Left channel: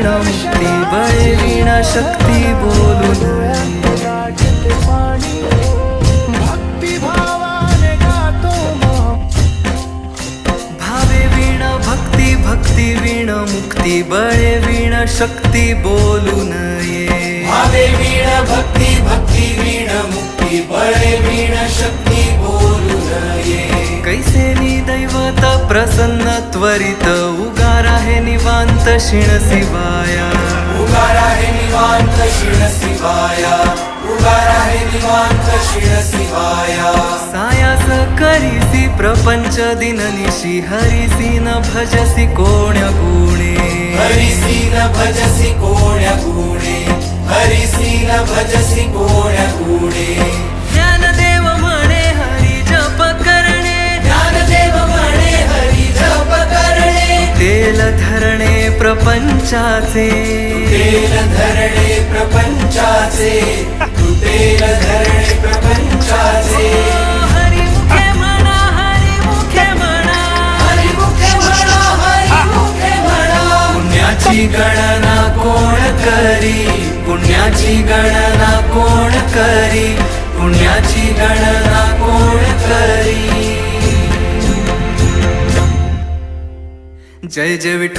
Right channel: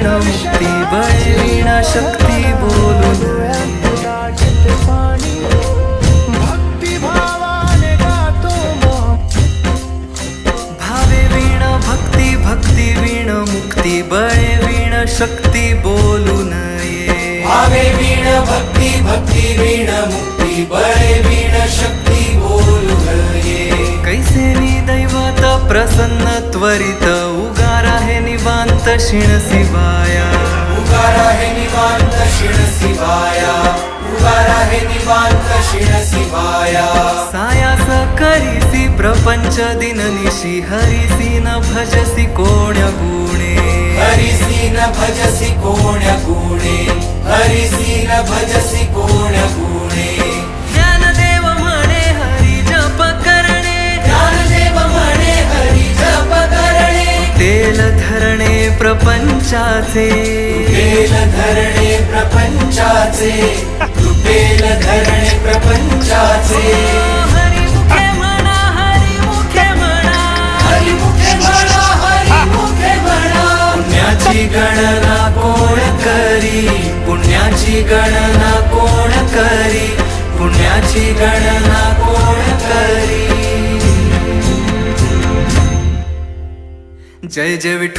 वीण मुक्ती बळे वीण शक्ती बोलून भक्ती भावाने गातो भावे वीण भक्ती भक्ती वीण मुक्ती बळे वीण शक्ती बोलून ये भावे वीण भक्ती भक्ती वीण मुक्ती बळे वीण शक्ती बोलून ये कैसे दैवत प्रसन्न त्वरित उगारा हे निवांत शिण शिवाया उगारा हे निवांत शिण शिवाया उगारा हे निवांत शिण शिवाया सायास करीसी प्रपंच दिननिशी हरिसी न भजसी कोण्या गुणे हरिसी न भजसी कोण्या गुणे हरिसी न भजसी कोण्या गुणे ज्ञानदेव म्हणे हरी जप करणे ज्ञानदेव म्हणे हरी जप करणे तेल धरणे प्रपंचाचे तुटेल धरणे प्रपंचाचे तुटेल धरणे प्रपंचाचे हरिमुखे म्हणा हरिमुखे म्हणा हरिमुखे म्हणा हरिमुखे म्हणा पुण्याची गणना कोण करी पुण्याची गणना कोण करी पुण्याची गणना कोण करी जय जय विठ्ठल